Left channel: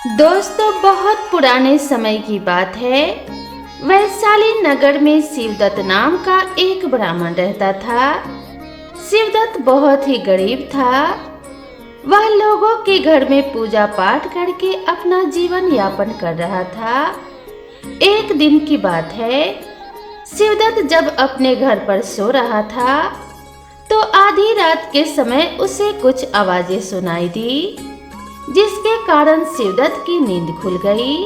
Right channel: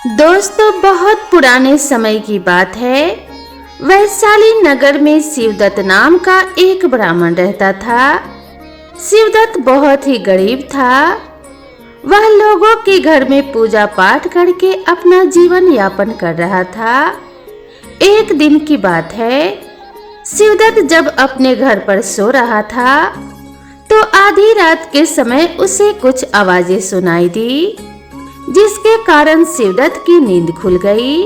दोस्तों, बहुत पुराने समय की बात है। वैशाली नगर में शिवदत्त नाम का एक ब्राह्मण रहता था। शिवदत्त बहुत ही गरीब था। वह लोगों के घर में पूजा पाठ करके अपना जीवन यापन कर रहा था। एक दिन की बात है, शिवदत्त जब अपने घर पर सो रहा था तो आधी रात के समय उसे कुछ आवाजें सुनाई दी, जिसके कारण शिवदत्त की नींद खुल गई।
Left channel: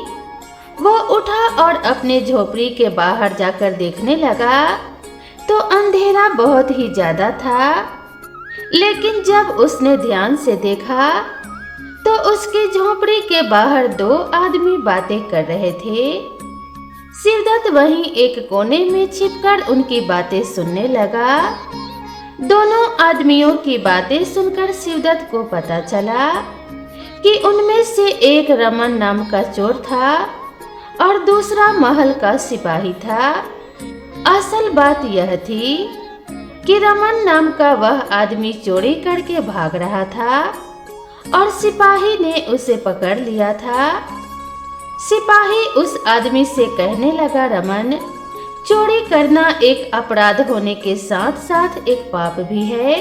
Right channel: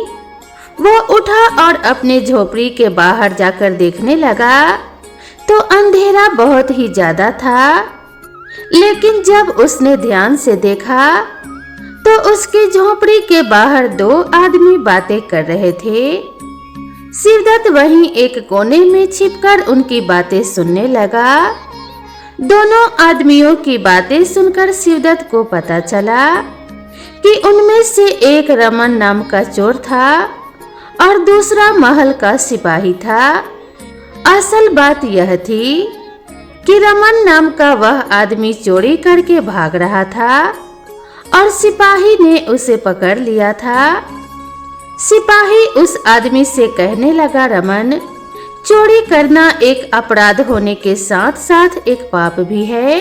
वो उठा और अपने झोपड़ी के बाहर जाकर देखने लगा तो अंधेरा बहुत ही ज्यादा था। लेकिन जब उसने ध्यान से देखा तो उसकी झोपड़ी के बाहर दो आदमी बातें कर रहे थे। शिवदत्त वहीं एक कोने में छिपकर उनकी बातें सुनने लगा। दोनों आदमियों की बातें सुनकर शिवदत्त को पता चला कि उनमें से एक रमन नाम का चोर था और दूसरा महल का सिपाही था। असल बात यह थी कि रमन नाम का वह आदमी चोरी करके भाग रहा था और सिपाही ने उसे पकड़ लिया था। सिपाही उस आदमी से कहने लगा, रमन, चोरी करना एक अपराध होने के साथ साथ एक पाप भी है।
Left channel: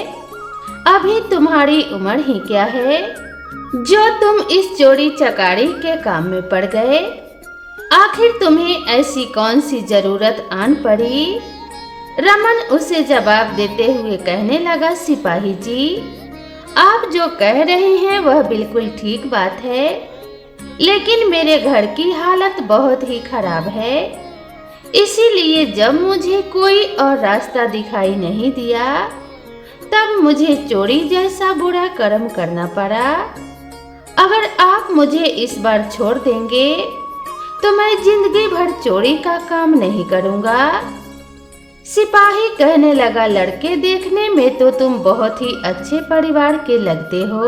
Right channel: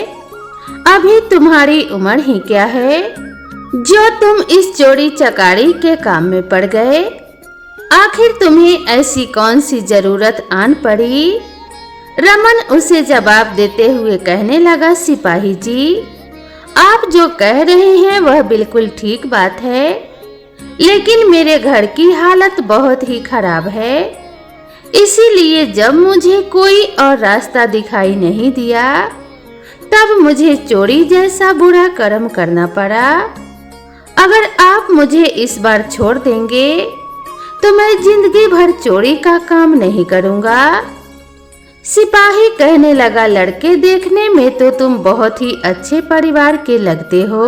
अभी तुम्हारी उम्र ही क्या है जो तुम इस चोरी चकारी के काम में पड़ गए? आखिर तुम्हें ऐसी कौन सी जरूरत आन पड़ी? रमन उसे जवाब देते हुए कहने लगा, सिपाही जी, आप जो कह रहे हैं वह बिल्कुल ठीक बात है, लेकिन मेरे घर की हालत बहुत ही खराब है। इसीलिए जब मुझे कोई और रास्ता दिखाई नहीं दिया तब मुझे चोरी जैसा बुरा कर्म करना पड़ा। अगर आप मुझे इस बार छोड़ देंगे तो मैं जिंदगी भर चोरी का काम नहीं करूंगा। सिपाही कहने लगा, लड़के, देखने में तो तुम बहुत ही अच्छे परिवार के लगते हो,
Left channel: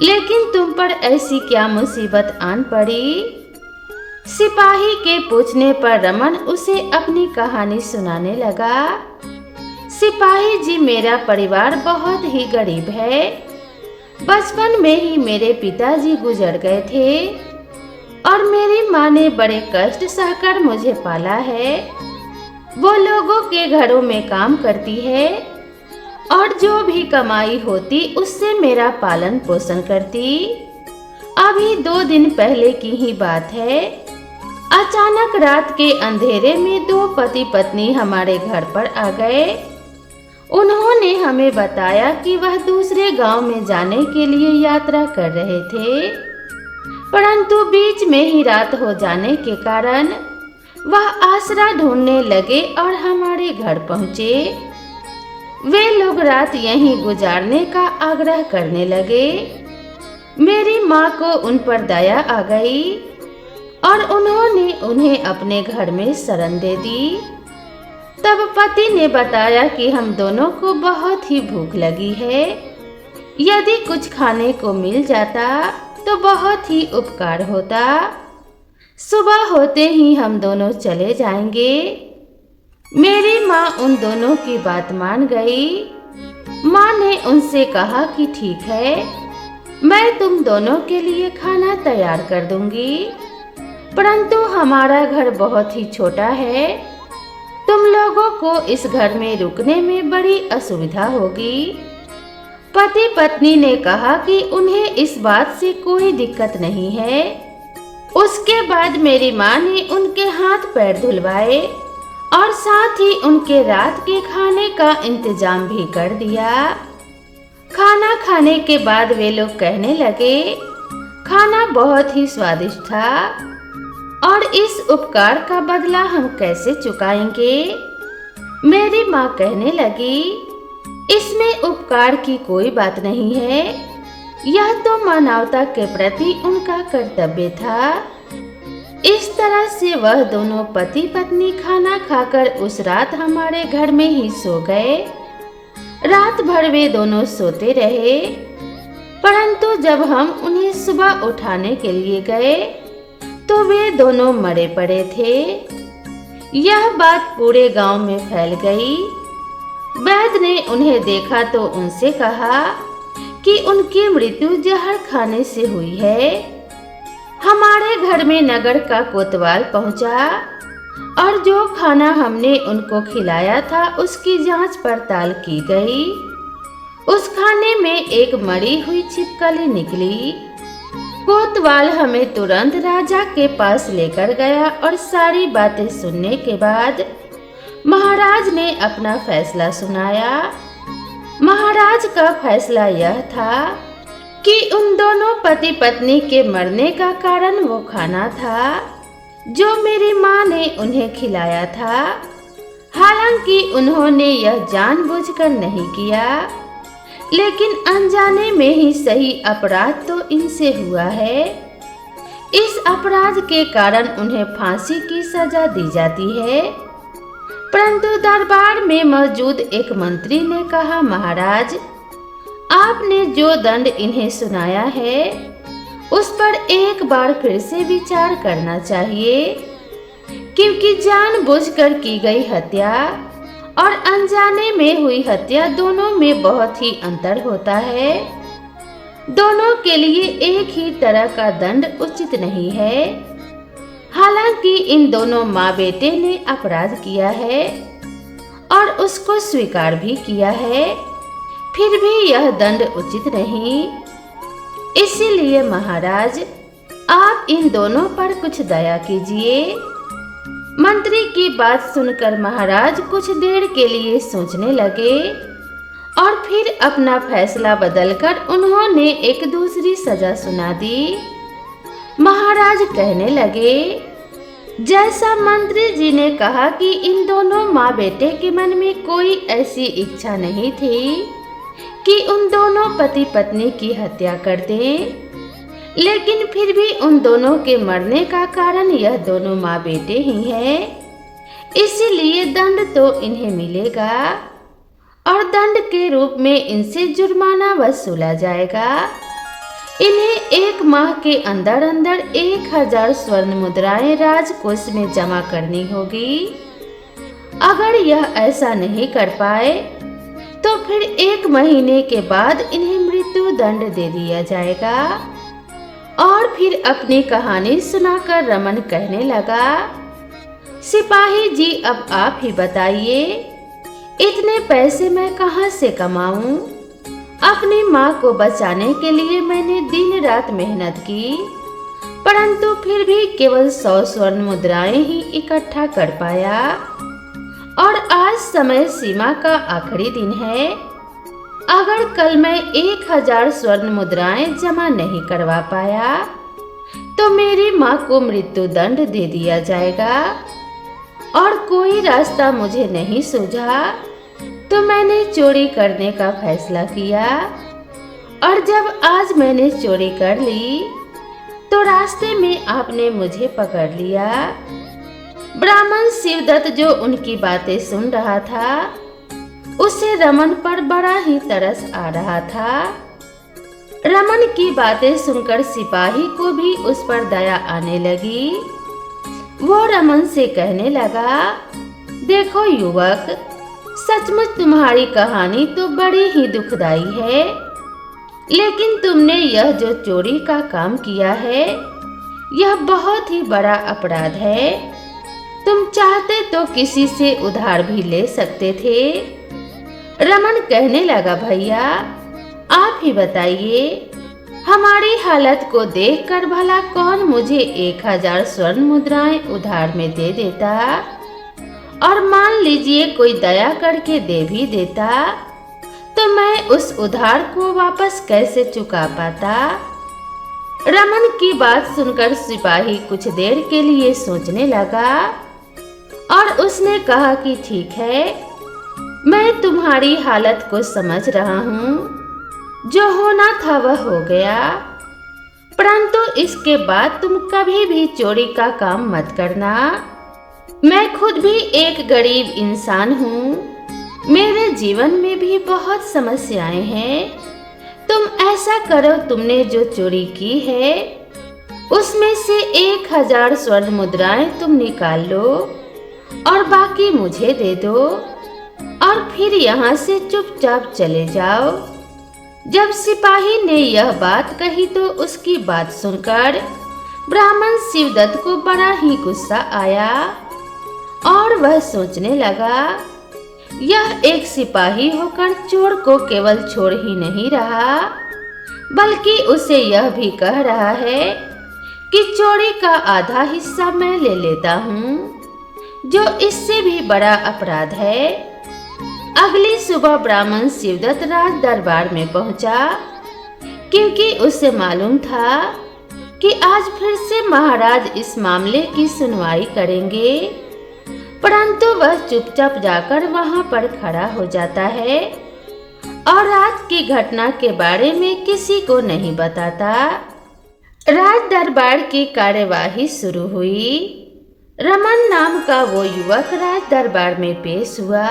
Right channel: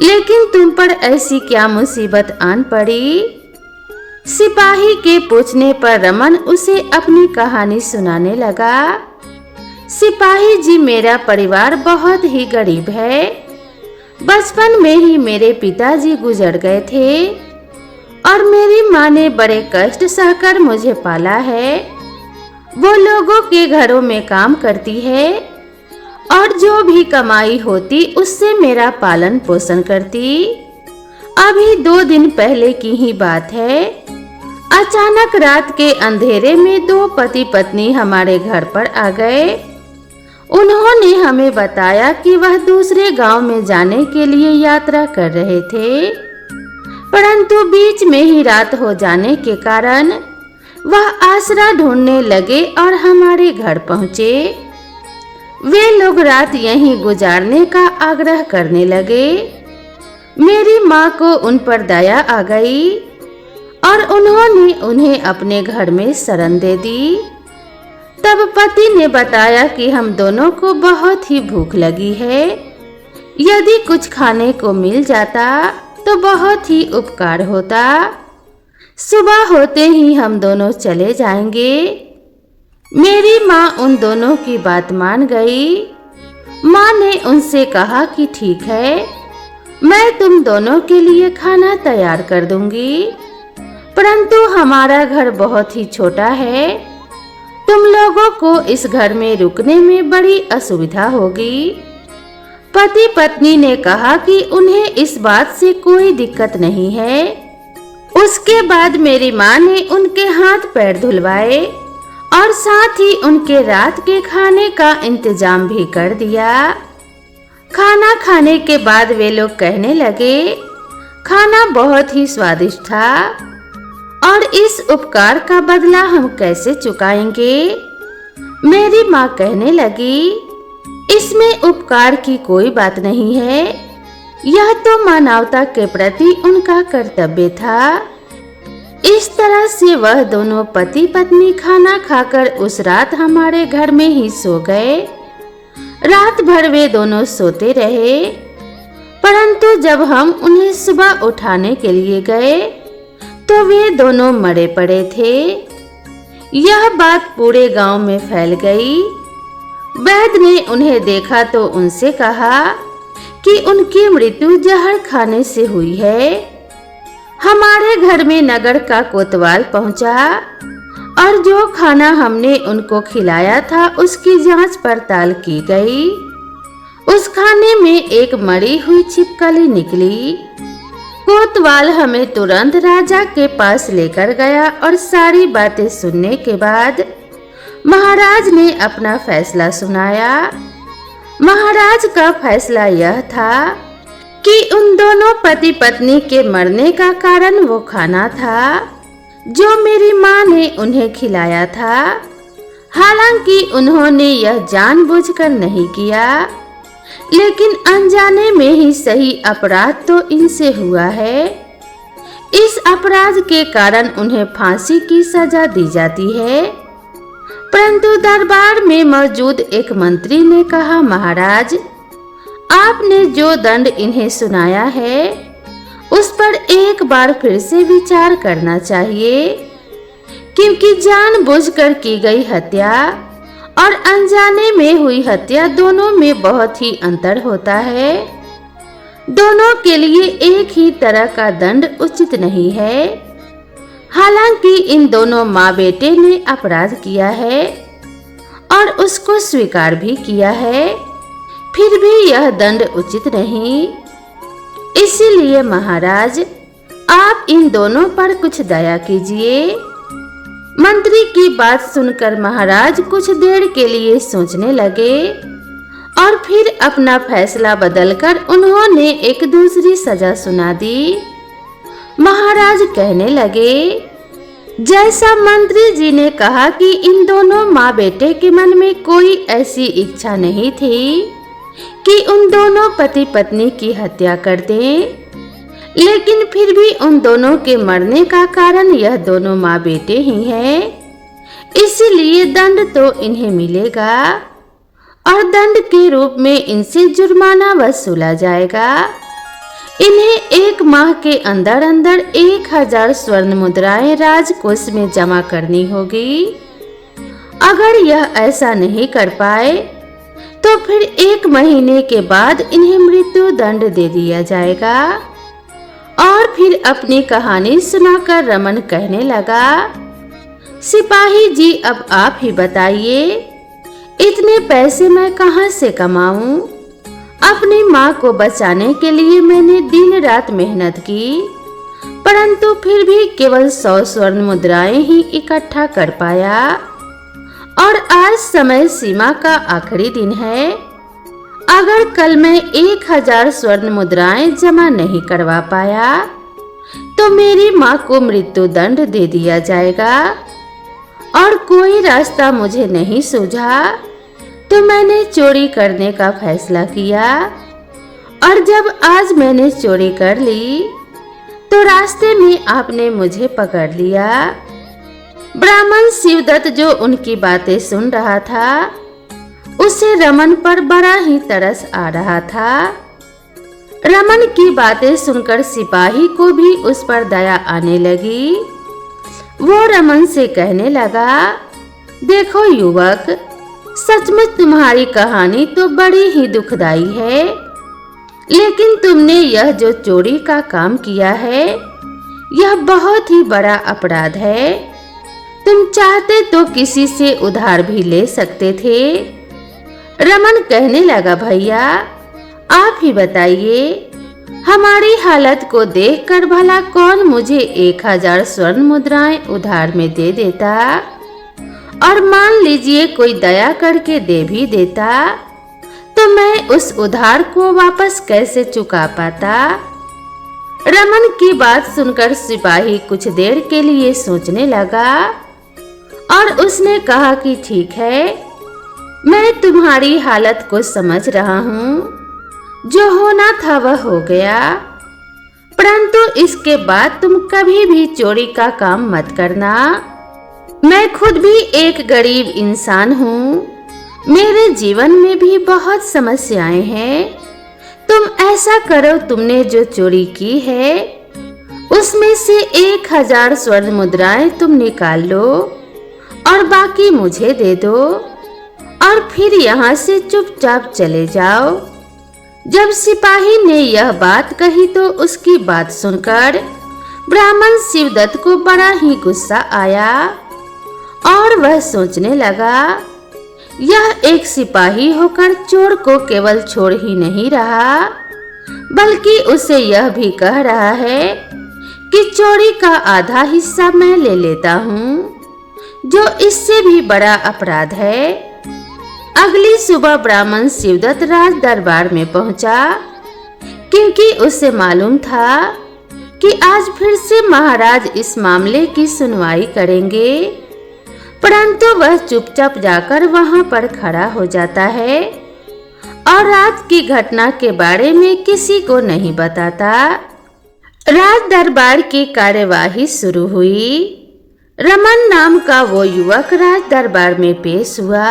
लेकिन तुम पर ऐसी क्या मुसीबत आन पड़ी? सिपाही के पूछने पर रमन उसे अपनी कहानी सुनाने लगा। सिपाही जी, मेरा परिवार बहुत ही गरीब है। बचपन में ही मेरे पिताजी गुजर गए थे और मेरी माँ ने बड़े कष्ट सहकर मुझे पाला है। वो लोगों के घरों में काम करती है और जो भी कमाई होती उससे मेरा पालन पोषण करती। अभी 2 दिन पहले की ही बात है, अचानक रात के अंधेरे में 2 पति पत्नी हमारे घर पर आ गए। उन्होंने हमें बताया कि वह दूसरे गांव में जाने के लिए यात्रा कर रहे थे, परंतु बीच में ही रात हो जाने के कारण वह आसरा ढूंढने लगे और हमारे घर पहुंचे। वे लोग रात यहीं गुजारने का आग्रह करने लगे। मेरी माँ को उन पर दया आ गई और उन्होंने उन्हें अपने घर में शरण दे दी। तब पति ने बताया कि हम दोनों को बहुत ही भूख लगी है, यदि कुछ खाने को मिल जाता तो बहुत ही उपकार होता। सुबह होते ही हम दोनों चले जाएंगे। मेरी माँ उन दोनों की बात मान गई। माँ ने उनसे कहा कि ठीक है, मैं तुम दोनों के लिए खाना तैयार कर दूंगी, परंतु हमारा घर बहुत ही छोटा है, तुम लोगों को इस घर में रुकने में बड़ी असुविधा होगी। पति पत्नी ने कहा कि उन्हें इस बात से कोई दिक्कत नहीं है। उसके बाद मेरी माँ ने उनके हाथ पैर धुलवाए और साथ ही उनके रात के खाने का इंतजाम भी कर दिया। खाना खाने के बाद वे लोग कहने लगे, खाना बहुत ही स्वादिष्ट था और इस उपकार का बदला हम कैसे चुकाएंगे? मेरी माँ कहने लगी, इसमें उपकार की कोई बात नहीं है, यह तो मानवता के प्रति उनका कर्तव्य था। इस तरह से वह दोनों पति पत्नी खाना खाकर उस रात हमारे घर में ही सो गए। रात भर वे दोनों सोते रहे, परंतु जब हम उन्हें सुबह उठाने के लिए गए तो वे दोनों मरे पड़े थे। यह बात पूरे गांव में फैल गई। वैद्य ने उन्हें देखा तो उनसे कहा कि उनकी मृत्यु जहर खाने से हुई है। हमारे घर में नगर का कोतवाल पहुंचा और जो खाना हमने उनको खिलाया था उसकी जांच पड़ताल की गई। उस खाने में एक मरी हुई छिपकली निकली। कोतवाल हमें तुरंत राजा के पास लेकर गया और सारी बातें सुनने के बाद महाराज ने अपना फैसला सुनाया। महाराज का फैसला यह था कि उन दोनों पति पत्नी के मरने का कारण वो खाना था जो मेरी माँ ने उन्हें खिलाया था। हालांकि उन्होंने यह जानबूझकर नहीं किया, लेकिन अनजाने में ही सही अपराध तो इनसे हुआ है। इस अपराध के कारण उन्हें फांसी की सजा दी जाती है। परंतु दरबार में मौजूद एक मंत्री ने कहा, महाराज, आपने जो दंड इन्हें सुनाया है उस पर एक बार फिर से विचार करना चाहिए, क्योंकि जानबूझकर की गई हत्या और अनजाने में हुई हत्या दोनों में बहुत ही अंतर होता है। दोनों के लिए एक ही तरह का दंड उचित नहीं है। हालांकि इन दोनों माँ बेटे ने अपराध किया है और उसको स्वीकार भी किया है, फिर भी यह दंड उचित नहीं। इसीलिए महाराज, आप इन दोनों पर कुछ दया कीजिए। मंत्री की बात सुनकर महाराज कुछ देर के लिए सोचने लगे और फिर अपना फैसला बदलकर उन्होंने एक दूसरी सजा सुना दी। महाराज कहने लगे, जैसा मंत्री जी ने कहा कि इन दोनों माँ बेटे के मन में कोई ऐसी इच्छा नहीं थी कि उन दोनों पति पत्नी की हत्या कर दें, लेकिन फिर भी उन दोनों के मरने का कारण यह दोनों माँ बेटे ही हैं। इसलिए दंड तो इन्हें मिलेगा और दंड के रूप में इनसे जुर्माना वसूला जाएगा। इन्हें 1 माह के अंदर अंदर 1000 स्वर्ण मुद्राएं राजकोष में जमा करनी होगी। अगर यह ऐसा नहीं कर पाए तो फिर 1 महीने के बाद इन्हें मृत्यु दंड दे दिया जाएगा। और फिर अपनी कहानी सुनाकर रमन कहने लगा, सिपाही जी, अब आप ही बताइए, इतने पैसे मैं कहां से कमाऊं? अपनी माँ को बचाने के लिए मैंने दिन रात मेहनत की, परंतु फिर भी केवल 100 स्वर्ण मुद्राएं ही इकट्ठा कर पाया और आज समय सीमा का आखिरी दिन है। अगर कल मैं 1000 स्वर्ण मुद्राएं जमा नहीं करवा पाया तो मेरी माँ को मृत्यु दंड दे दिया जाएगा और कोई रास्ता मुझे नहीं सूझा तो मैंने चोरी करने का फैसला किया। और जब आज मैंने चोरी कर ली तो रास्ते में आपने मुझे पकड़ लिया। ब्राह्मण शिवदत्त जो उनकी बातें सुन रहा था, उसे रमन पर बड़ा ही तरस आ रहा था। रमन की बातें सुनकर सिपाही को भी उस पर दया आने लगी। वो रमन से कहने लगा, देखो युवक, सचमुच तुम्हारी कहानी तो बड़ी ही दुखदाई है, लेकिन तुमने यह जो चोरी का काम किया है यह बहुत ही बड़ा अपराध है। तुम चाहते तो किसी से उधार भी ले सकते थे। रमन कहने लगा, भैया आप ही बताइए, हमारी हालत को देखकर भला कौन मुझे 1000 स्वर्ण मुद्राएं उधार में दे देता, और मान लीजिए कोई दया करके दे भी देता तो मैं उस उधार को वापस कैसे चुका पाता। रमन की बात सुनकर सिपाही कुछ देर के लिए सोचने लगा और उसने कहा कि ठीक है, मैं तुम्हारी हालत को समझ रहा हूँ, जो होना था वह हो गया, परंतु इसके बाद तुम कभी भी चोरी का काम मत करना। मैं खुद भी एक गरीब इंसान हूँ, मेरे जीवन में भी बहुत समस्याएं हैं। तुम ऐसा करो, तुमने जो चोरी की है उसमें से 1000 स्वर्ण मुद्राएं तुम निकाल लो और बाकी मुझे दे दो और फिर यहाँ से चुपचाप चले जाओ। जब सिपाही ने यह बात कही तो उसकी बात सुनकर ब्राह्मण शिवदत्त को बड़ा ही गुस्सा आया और वह सोचने लगा, यह एक सिपाही होकर चोर को केवल छोड़ ही नहीं रहा, बल्कि उसे यह भी कह रहा है कि चोरी का आधा हिस्सा मैं ले लेता हूँ, जो इससे भी बड़ा अपराध है। अगली सुबह ब्राह्मण शिवदत्त राज दरबार में पहुंचा, क्योंकि उसे मालूम था कि आज फिर से महाराज इस मामले की सुनवाई करेंगे, परंतु वह चुपचाप जाकर वहां पर खड़ा हो जाता है और रात की घटना के बारे में किसी को नहीं बताता। राज दरबार की कार्यवाही शुरू हुई। रमन नाम का वो युवक राज दरबार में पेश हुआ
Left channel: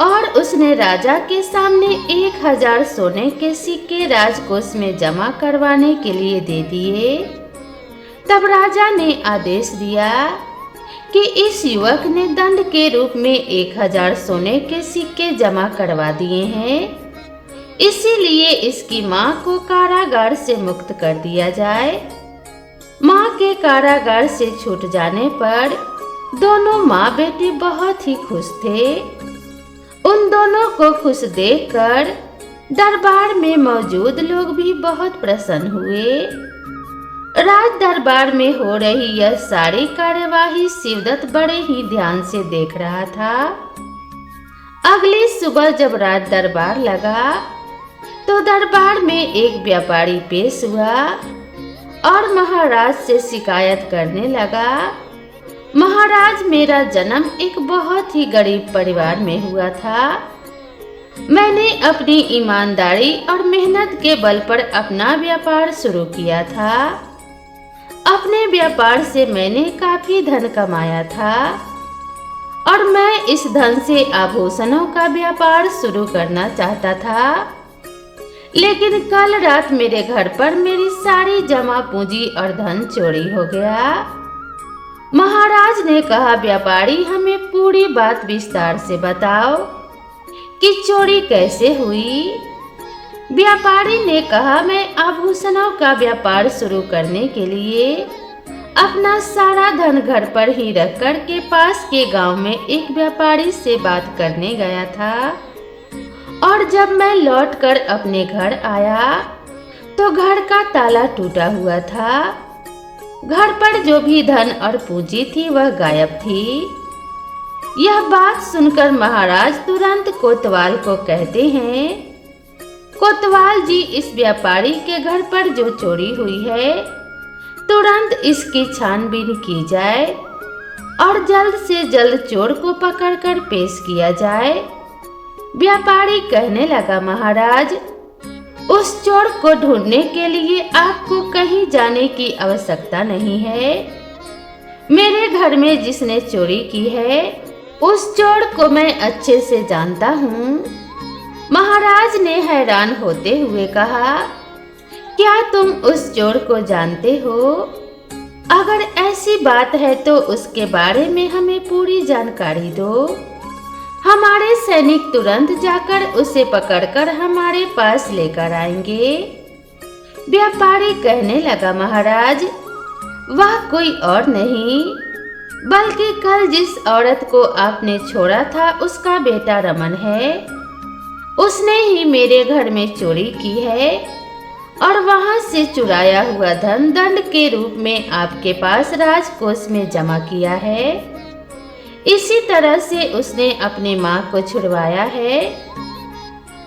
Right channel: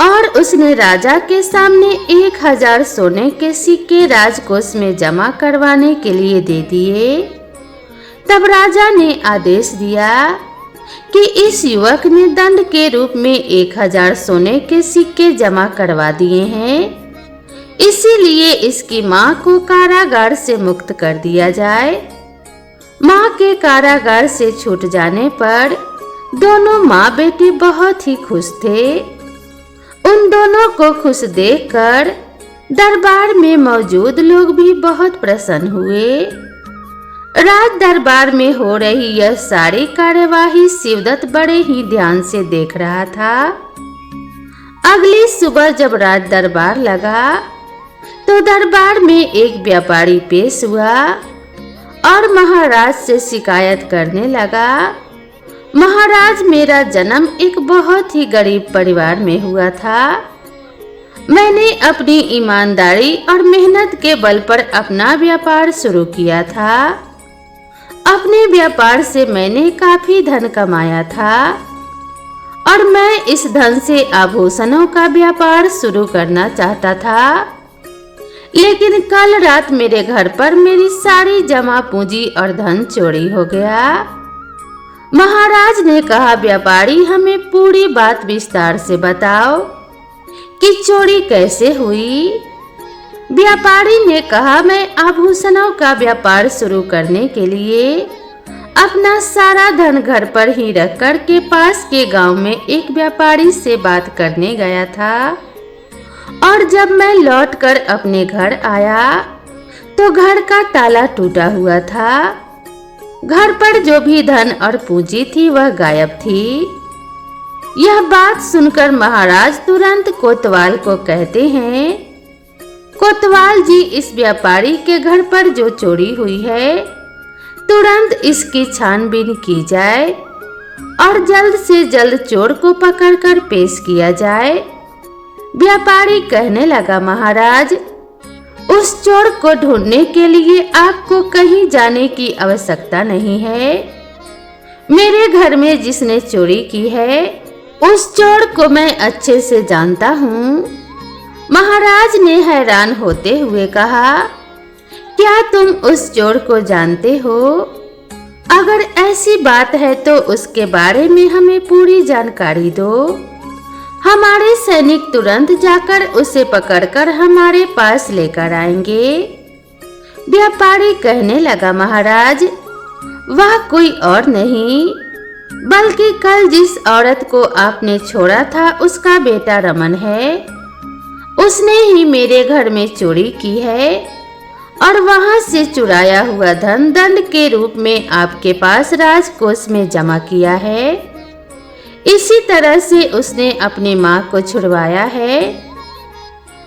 और उसने राजा के सामने 1000 सोने के सिक्के राजकोष में जमा करवाने के लिए दे दिए। तब राजा ने आदेश दिया कि इस युवक ने दंड के रूप में 1000 सोने के सिक्के जमा करवा दिए हैं, इसीलिए इसकी मां को कारागार से मुक्त कर दिया जाए। मां के कारागार से छूट जाने पर दोनों माँ बेटी बहुत ही खुश थे। उन दोनों को खुश देखकर दरबार में मौजूद लोग भी बहुत प्रसन्न हुए। राज दरबार में हो रही यह सारी कार्यवाही शिवदत्त बड़े ही ध्यान से देख रहा था। अगली सुबह जब राज दरबार लगा तो दरबार में एक व्यापारी पेश हुआ और महाराज से शिकायत करने लगा, महाराज, मेरा जन्म एक बहुत ही गरीब परिवार में हुआ था। मैंने अपनी ईमानदारी और मेहनत के बल पर अपना व्यापार शुरू किया था। अपने व्यापार से मैंने काफी धन कमाया था और मैं इस धन से आभूषणों का व्यापार शुरू करना चाहता था, लेकिन कल रात मेरे घर पर मेरी सारी जमा पूंजी और धन चोरी हो गया। महाराज ने कहा, व्यापारी, हमें पूरी बात विस्तार से बताओ कि चोरी कैसे हुई। व्यापारी ने कहा, मैं आभूषणों का व्यापार शुरू करने के लिए अपना सारा धन घर पर ही रख कर के पास के गांव में एक व्यापारी से बात करने गया था और जब मैं लौटकर अपने घर आया तो घर का ताला टूटा हुआ था। घर पर जो भी धन और पूंजी थी वह गायब थी। यह बात सुनकर महाराज तुरंत कोतवाल को कहते हैं, कोतवाल जी, इस व्यापारी के घर पर जो चोरी हुई है तुरंत इसकी छानबीन की जाए और जल्द से जल्द चोर को पकड़कर पेश किया जाए। व्यापारी कहने लगा, महाराज, उस चोर को ढूंढने के लिए आपको कहीं जाने की आवश्यकता नहीं है। मेरे घर में जिसने चोरी की है उस चोर को मैं अच्छे से जानता हूँ। महाराज ने हैरान होते हुए कहा, क्या तुम उस चोर को जानते हो? अगर ऐसी बात है तो उसके बारे में हमें पूरी जानकारी दो। हमारे सैनिक तुरंत जाकर उसे पकड़कर हमारे पास लेकर आएंगे। व्यापारी कहने लगा, महाराज, वह कोई और नहीं बल्कि कल जिस औरत को आपने छोड़ा था उसका बेटा रमन है। उसने ही मेरे घर में चोरी की है और वहां से चुराया हुआ धन दंड के रूप में आपके पास राजकोष में जमा किया है। इसी तरह से उसने अपनी मां को छुड़वाया है।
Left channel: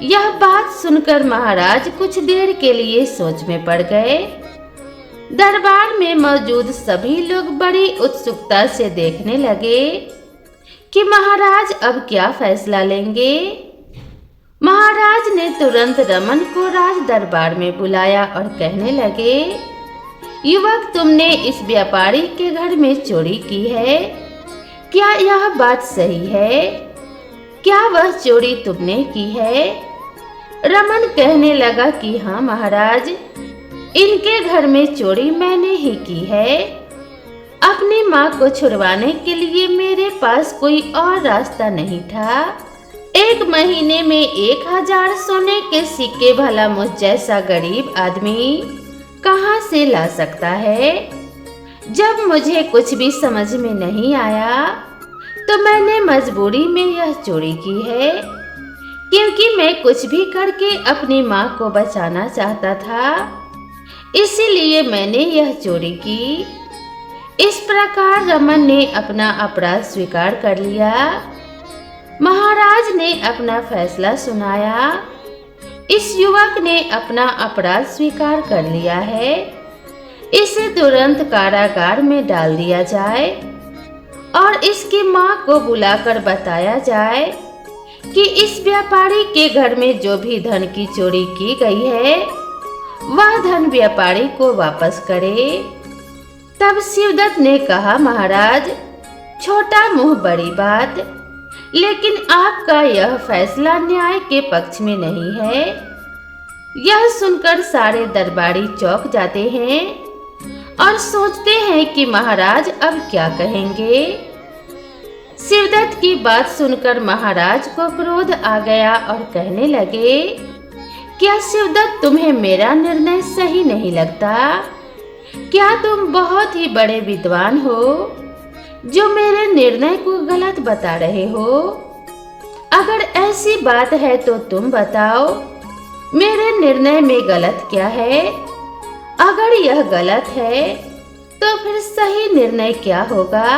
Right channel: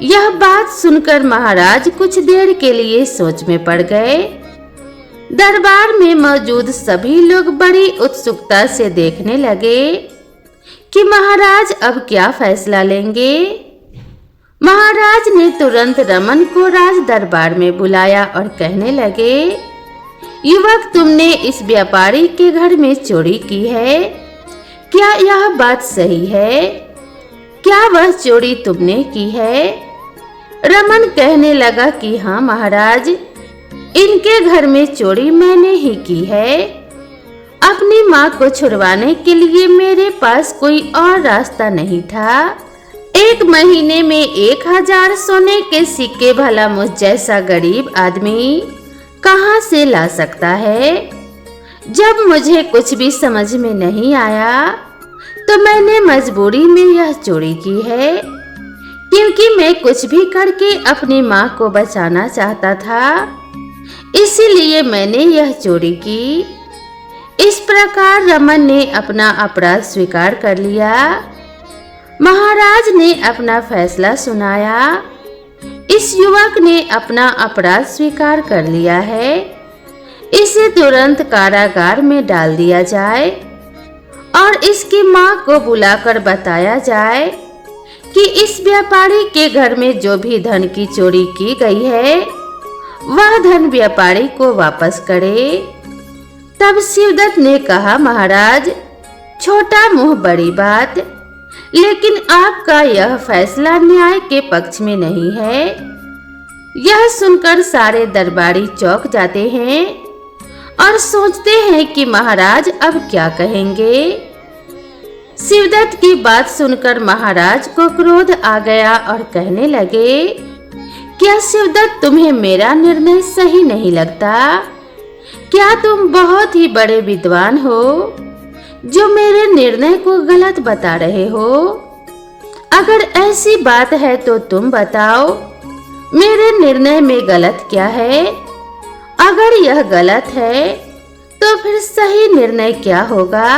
यह बात सुनकर महाराज कुछ देर के लिए सोच में पड़ गए। दरबार में मौजूद सभी लोग बड़ी उत्सुकता से देखने लगे कि महाराज अब क्या फैसला लेंगे। महाराज ने तुरंत रमन को राज दरबार में बुलाया और कहने लगे, युवक, तुमने इस व्यापारी के घर में चोरी की है, क्या यह बात सही है? क्या वह चोरी तुमने की है? रमन कहने लगा कि हाँ महाराज, इनके घर में चोरी मैंने ही की है। अपनी माँ को छुड़वाने के लिए मेरे पास कोई और रास्ता नहीं था। 1 महीने में 1000 सोने के सिक्के भला मुझ जैसा गरीब आदमी कहाँ से ला सकता है? जब मुझे कुछ भी समझ में नहीं आया तो मैंने मजबूरी में यह चोरी की है, क्योंकि मैं कुछ भी करके अपनी माँ को बचाना चाहता था, इसीलिए मैंने यह चोरी की। इस प्रकार रमन ने अपना अपराध स्वीकार कर लिया। महाराज ने अपना फैसला सुनाया। इस युवक ने अपना अपराध स्वीकार कर लिया है, इसे तुरंत कारागार में डाल दिया जाए और इसकी माँ को बुलाकर बताया जाए कि इस व्यापारी के घर में जो भी धन की चोरी की गई है वह धन व्यापारी को वापस करे। तब शिवदत्त ने कहा, महाराज, छोटा मुंह बड़ी बात, लेकिन आपका यह फैसला न्याय के पक्ष में नहीं है। यह सुनकर सारे दरबारी चौंक जाते हैं और सोचते हैं कि महाराज अब क्या कहेंगे। शिवदत्त की बात सुनकर महाराज को क्रोध आ गया और कहने लगे, क्या शिवदत्त, तुम्हें मेरा निर्णय सही नहीं लगता? क्या तुम बहुत ही बड़े विद्वान हो जो मेरे निर्णय को गलत बता रहे हो? अगर ऐसी बात है तो तुम बताओ, मेरे निर्णय में गलत क्या है? अगर यह गलत है तो फिर सही निर्णय क्या होगा?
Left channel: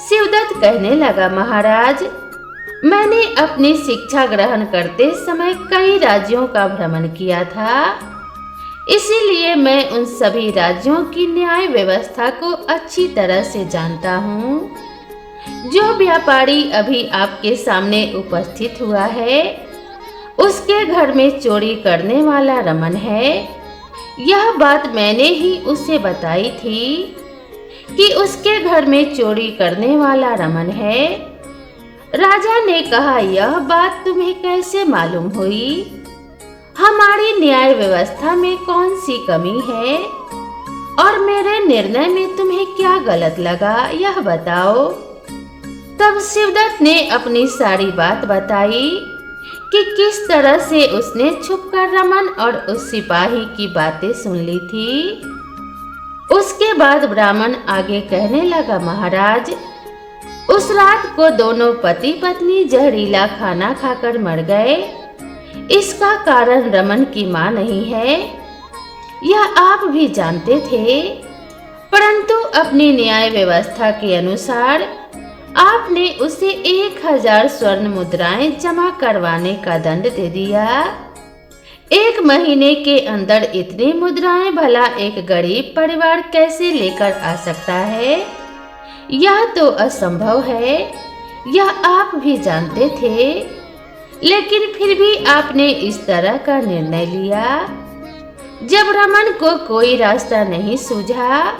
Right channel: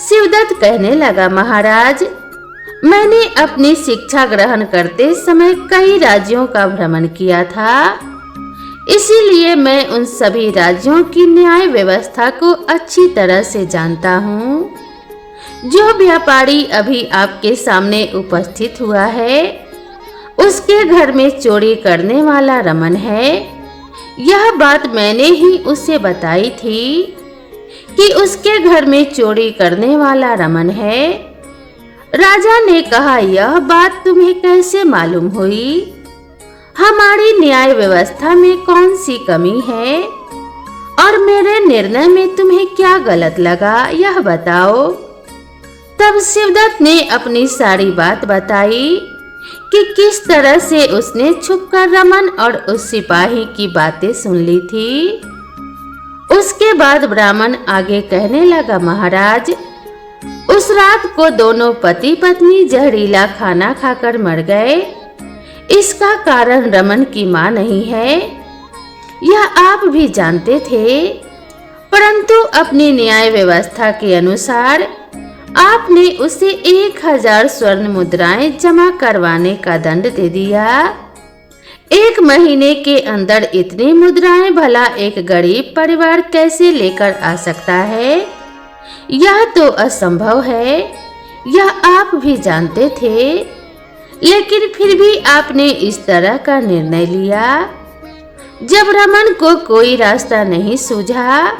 शिवदत्त कहने लगा, महाराज, मैंने अपनी शिक्षा ग्रहण करते समय कई राज्यों का भ्रमण किया था, इसीलिए मैं उन सभी राज्यों की न्याय व्यवस्था को अच्छी तरह से जानता हूँ। जो व्यापारी अभी आपके सामने उपस्थित हुआ है, उसके घर में चोरी करने वाला रमन है। यह बात मैंने ही उसे बताई थी कि उसके घर में चोरी करने वाला रमन है। राजा ने कहा, यह बात तुम्हें कैसे मालूम हुई? हमारी न्याय व्यवस्था में कौन सी कमी है और मेरे निर्णय में तुम्हें क्या गलत लगा, यह बताओ। तब शिवदत्त ने अपनी सारी बात बताई कि किस तरह से उसने छुपकर रमन और उस सिपाही की बातें सुन ली थी। उसके बाद ब्राह्मण आगे कहने लगा, महाराज, उस रात को दोनों पति पत्नी जहरीला खाना खाकर मर गए। इसका कारण रमन की मां नहीं है, यह आप भी जानते थे, परंतु अपनी न्याय व्यवस्था के अनुसार आपने उसे 1000 स्वर्ण मुद्राएं जमा करवाने का दंड दे दिया। 1 महीने के अंदर इतनी मुद्राएं भला एक गरीब परिवार कैसे लेकर आ सकता है? यह तो असंभव है, यह आप भी जानते थे, लेकिन फिर भी आपने इस तरह का निर्णय लिया। जब रमन को कोई रास्ता नहीं सूझा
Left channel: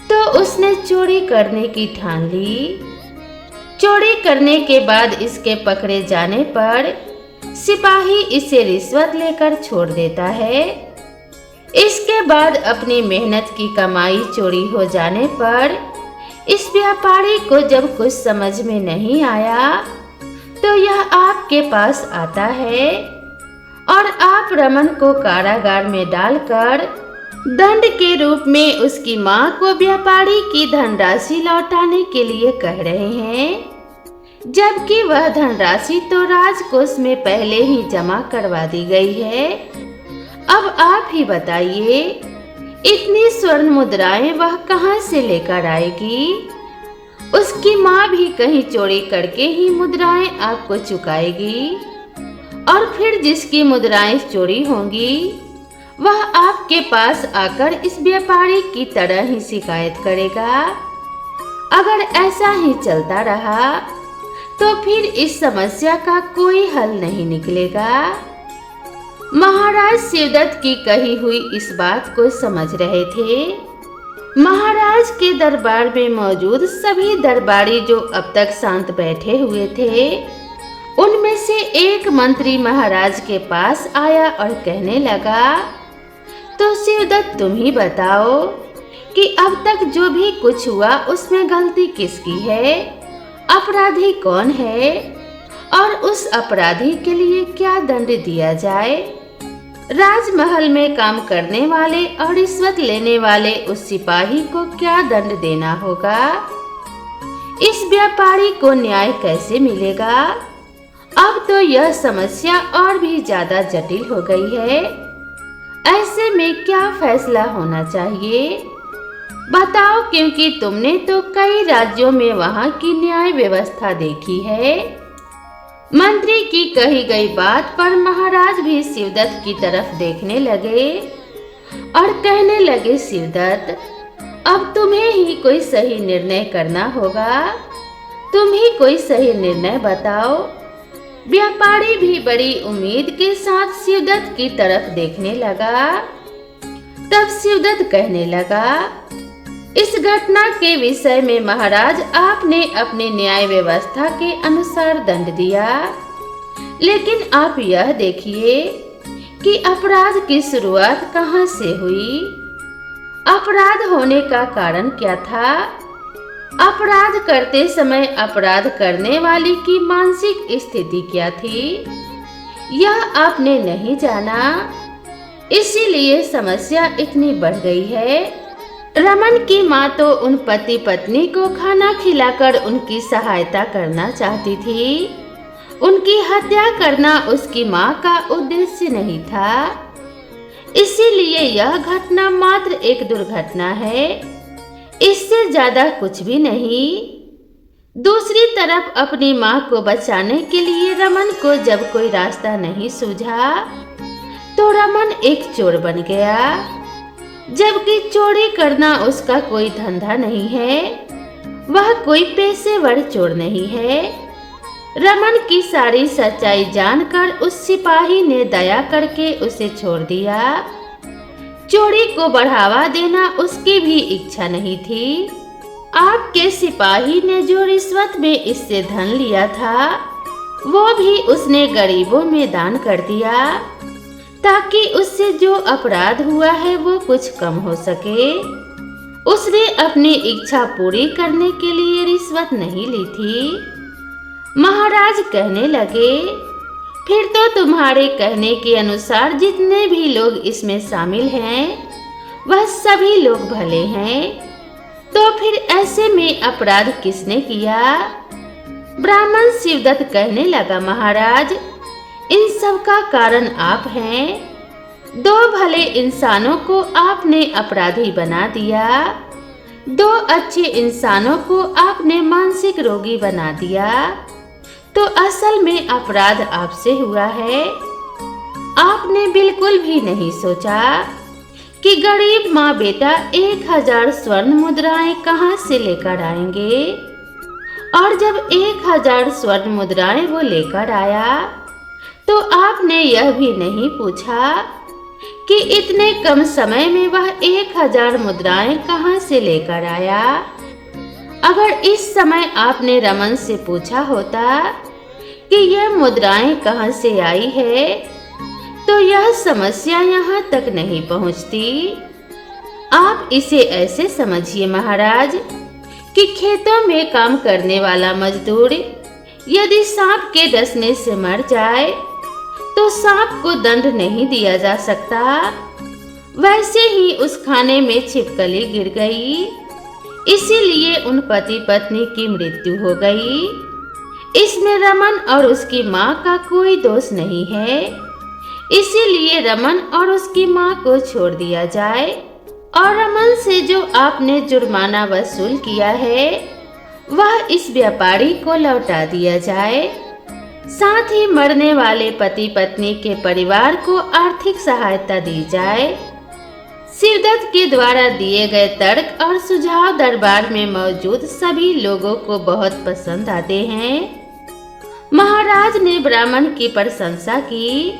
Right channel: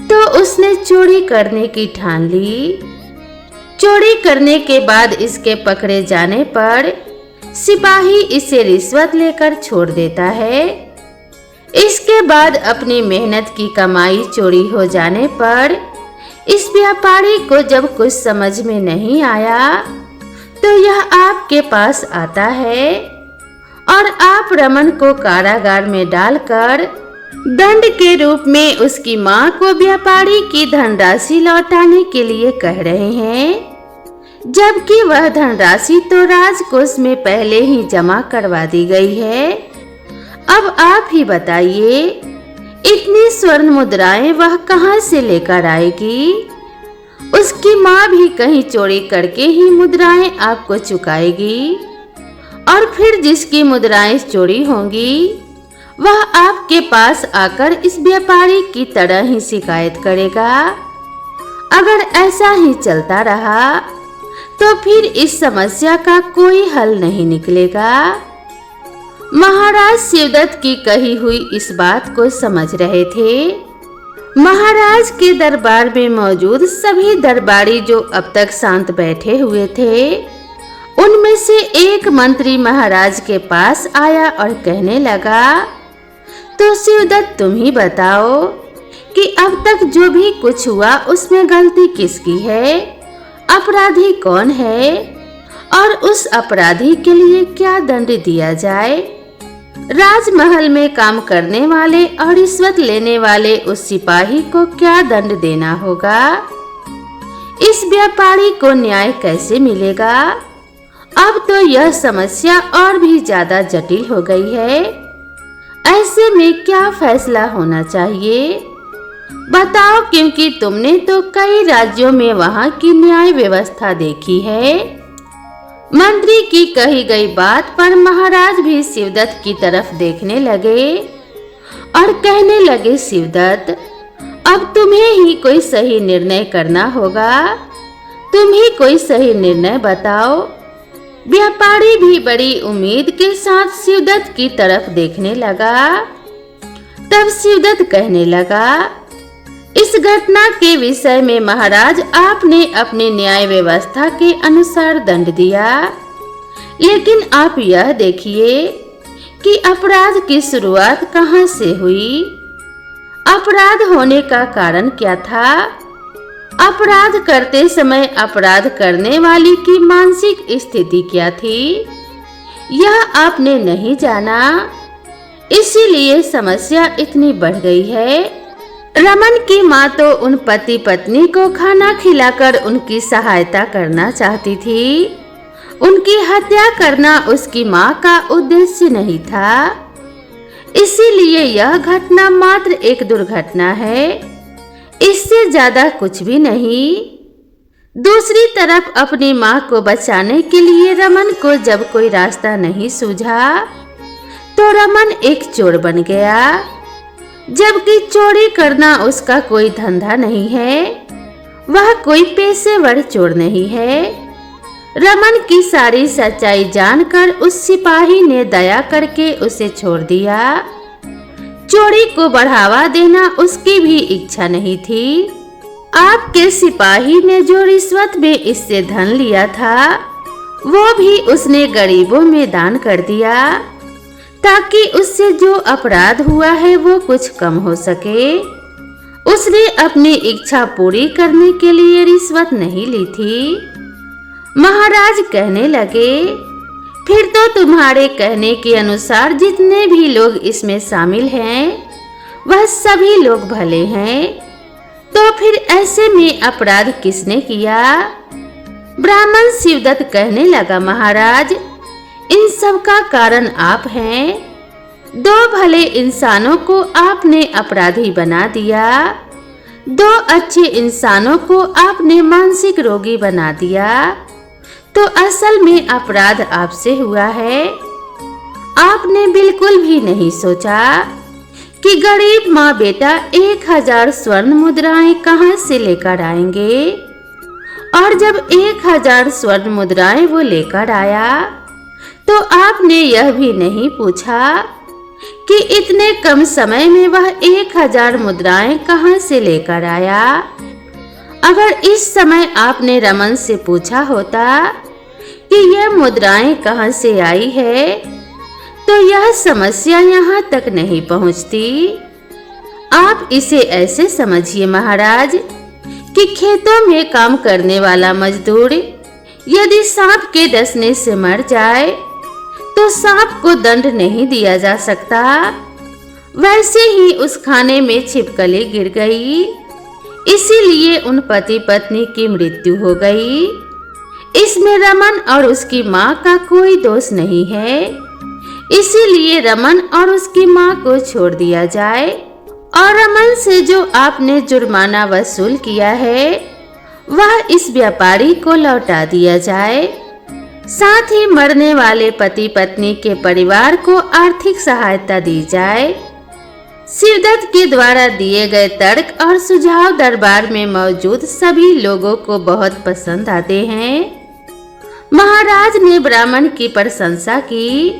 तो उसने चोरी करने की ठान ली। चोरी करने के बाद इसके पकड़े जाने पर सिपाही इसे रिश्वत लेकर छोड़ देता है। इसके बाद अपनी मेहनत की कमाई चोरी हो जाने पर इस व्यापारी को जब कुछ समझ में नहीं आया तो यह आपके पास आता है और आप रमन को कारागार में डालकर दंड के रूप में उसकी मां को व्यापारी की धनराशि लौटाने के लिए कह रहे हैं, जबकि वह धनराशि तो राजकोष में पहले ही जमा करवा दी गई है। अब आप ही बताइए, इतनी स्वर्ण मुद्राएं वह कहां से लेकर आएगी? उसकी मां भी कहीं चोरी करके ही मुद्राएं आपको चुकाएगी और फिर जिसकी मुद्राएं चोरी होंगी वह आपके पास आकर इस व्यापारी की तरह ही शिकायत करेगा। अगर ऐसा ही चलता रहा तो फिर इस समस्या का कोई हल नहीं निकलेगा। महाराज शिवदत्त की कही हुई इस बात को समझ रहे थे। महाराज के दरबार में मौजूद सभी दरबारी जो अब तक शांत बैठे हुए थे, उनमें से एक मंत्री महाराज के पास आया और कहने लगा, तो शिवदत्त तुम ही बताओ कि अब तक जो भी कुछ हुआ उसमें गलती किसकी है, अपराधी कौन है और उस अपराधी के लिए क्या दंड दिया जाए। राजमहल में काम करने वाले और रिश्वत लेने वाले उस सिपाही को क्या दंड देना होगा? इस व्यापारी को न्याय कैसे मिलेगा? अब तो यह समस्या और भी ज्यादा जटिल हो गई है। ऐसे में क्या फैसला होना चाहिए? बताओ, क्योंकि तुमने तो कई राज्यों में वहां की न्याय व्यवस्था देखी है। मंत्री की कही गई बात पर महाराज भी शिवदत्त की तरफ देखने लगे और कहने लगे, शिवदत्त, अब तुम्हें ही कोई सही निर्णय करना होगा। तुम ही कोई सही निर्णय बताओ। व्यापारी भी बड़ी उम्मीद के साथ शिवदत्त की तरफ देखने लगा। तब शिवदत्त कहने लगा, इस घटना के विषय में महाराज, आपने अपने न्याय व्यवस्था के अनुसार दंड दिया, लेकिन आप यह देखिए कि अपराध की शुरुआत कहां से हुई? अपराध होने का कारण क्या था? अपराध करते समय अपराध करने वाली की मानसिक स्थिति क्या थी? यह आपने नहीं जाना, इसीलिए समस्या इतनी बढ़ गई है। रमन की माँ तो उन पति पत्नी को खाना खिलाकर उनकी सहायता करना चाहती थी। उनकी हत्या करना उसकी माँ का उद्देश्य नहीं था। इसीलिए यह घटना मात्र एक दुर्घटना है, इससे ज्यादा कुछ भी नहीं। दूसरी तरफ अपनी माँ को बचाने के लिए रमन को जब कोई रास्ता नहीं सूझा तो रमन एक चोर बन गया, जबकि चोरी करना उसका कोई धंधा नहीं है। वह कोई पेशेवर चोर नहीं है। रमन की सारी सच्चाई जानकर उस सिपाही ने दया करके उसे छोड़ दिया। चोरी को बढ़ावा देना उसकी भी इच्छा नहीं थी। आपके सिपाही ने जो रिश्वत में इससे धन लिया था, वो भी उसने गरीबों में दान कर दिया, ताकि उससे जो अपराध हुआ है वो कुछ कम हो सके। उसने अपनी इच्छा पूरी करने के लिए रिश्वत नहीं ली थी। महाराज कहने लगे, फिर तो तुम्हारे कहने के अनुसार जितने भी लोग इसमें शामिल हैं, वह सभी लोग भले हैं। तो फिर ऐसे में अपराध किसने किया? ब्राह्मण शिवदत्त कहने लगा, महाराज, इन सब का कारण आप हैं। दो भले इंसानों को आपने अपराधी बना दिया, दो अच्छे इंसानों को आपने मानसिक रोगी बना दिया। तो असल में अपराध आपसे हुआ है। आपने बिल्कुल भी नहीं सोचा कि गरीब माँ बेटा 1000 स्वर्ण मुद्राएं कहाँ से लेकर आएंगे, और जब 1000 स्वर्ण मुद्राएं वो लेकर आया तो आपने यह भी नहीं पूछा कि इतने कम समय में वह 1000 मुद्राएं कहाँ से लेकर आया। अगर इस समय आपने रमन से पूछा होता कि यह मुद्राएं कहाँ से आई है, तो यह समस्या यहाँ तक नहीं पहुँचती। आप इसे ऐसे समझिए महाराज कि खेतों में काम करने वाला मजदूर यदि सांप के डसने से मर जाए तो सांप को दंड नहीं दिया जा सकता। वैसे ही उस खाने में छिपकली गिर गई, इसीलिए उन पति पत्नी की मृत्यु हो गई। इसमें रमन और उसकी माँ का कोई दोष नहीं है, इसीलिए रमन और उसकी माँ को छोड़ दिया जाए और रमन से जो आपने जुर्माना वसूल किया है वह इस व्यापारी को लौटा दिया जाए। साथ ही मरने वाले पति पत्नी के परिवार को आर्थिक सहायता दी जाए। शिवदत्त के द्वारा दिए गए तर्क और सुझाव दरबार में मौजूद सभी लोगों को बहुत पसंद आते हैं। महाराज ने ब्राह्मण की प्रशंसा की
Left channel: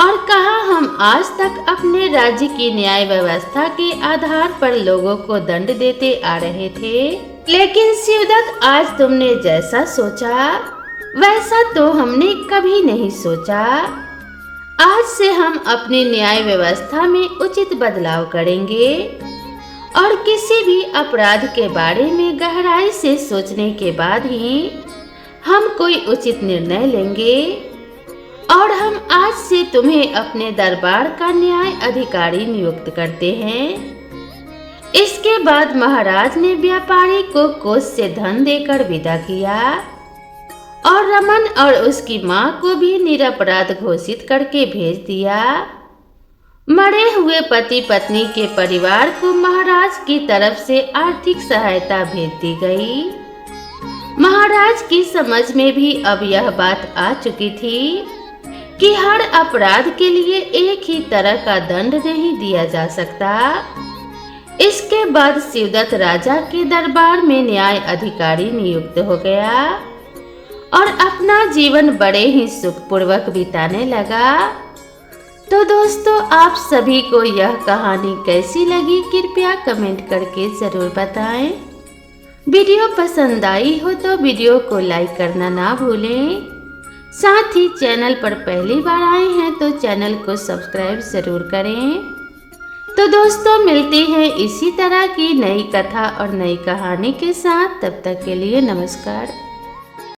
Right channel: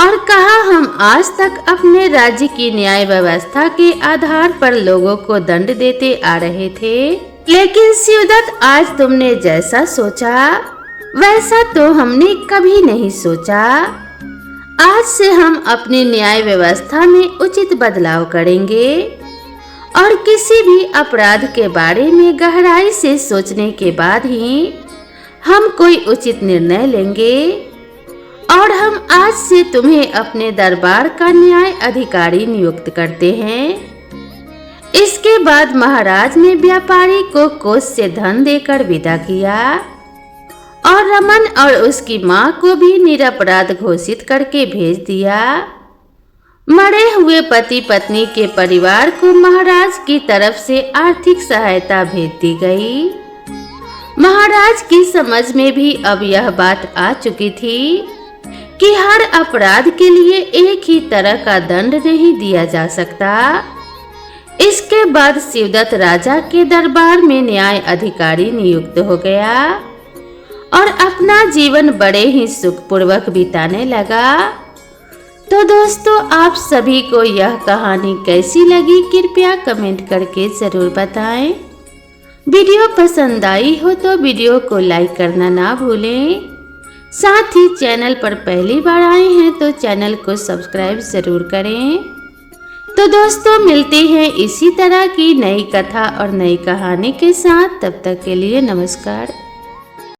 और कहा, हम आज तक अपने राज्य की न्याय व्यवस्था के आधार पर लोगों को दंड देते आ रहे थे, लेकिन शिवदत्त आज तुमने जैसा सोचा वैसा तो हमने कभी नहीं सोचा। आज से हम अपनी न्याय व्यवस्था में उचित बदलाव करेंगे और किसी भी अपराध के बारे में गहराई से सोचने के बाद ही हम कोई उचित निर्णय लेंगे। और हम आज से तुम्हें अपने दरबार का न्याय अधिकारी नियुक्त करते हैं। इसके बाद महाराज ने व्यापारी को कोष से धन देकर विदा किया और रमन और उसकी मां को भी निरपराध घोषित करके भेज दिया। मरे हुए पति पत्नी के परिवार को महाराज की तरफ से आर्थिक सहायता भेज दी गई। महाराज की समझ में भी अब यह बात आ चुकी थी कि हर अपराध के लिए एक ही तरह का दंड नहीं दिया जा सकता। इसके बाद शिवदत्त राजा के दरबार में न्याय अधिकारी नियुक्त हो गया और अपना जीवन बड़े ही सुखपूर्वक बिताने लगा। तो दोस्तों, आप सभी को यह कहानी कैसी लगी कृपया कमेंट करके जरूर बताएं। वीडियो पसंद आई हो तो वीडियो को लाइक करना ना भूलें। साथ ही चैनल पर पहली बार आए हैं तो चैनल को सब्सक्राइब जरूर करें। तो दोस्तों, मिलते हैं इसी तरह की नई कथा और नई कहानी के साथ। तब तक के लिए नमस्कार।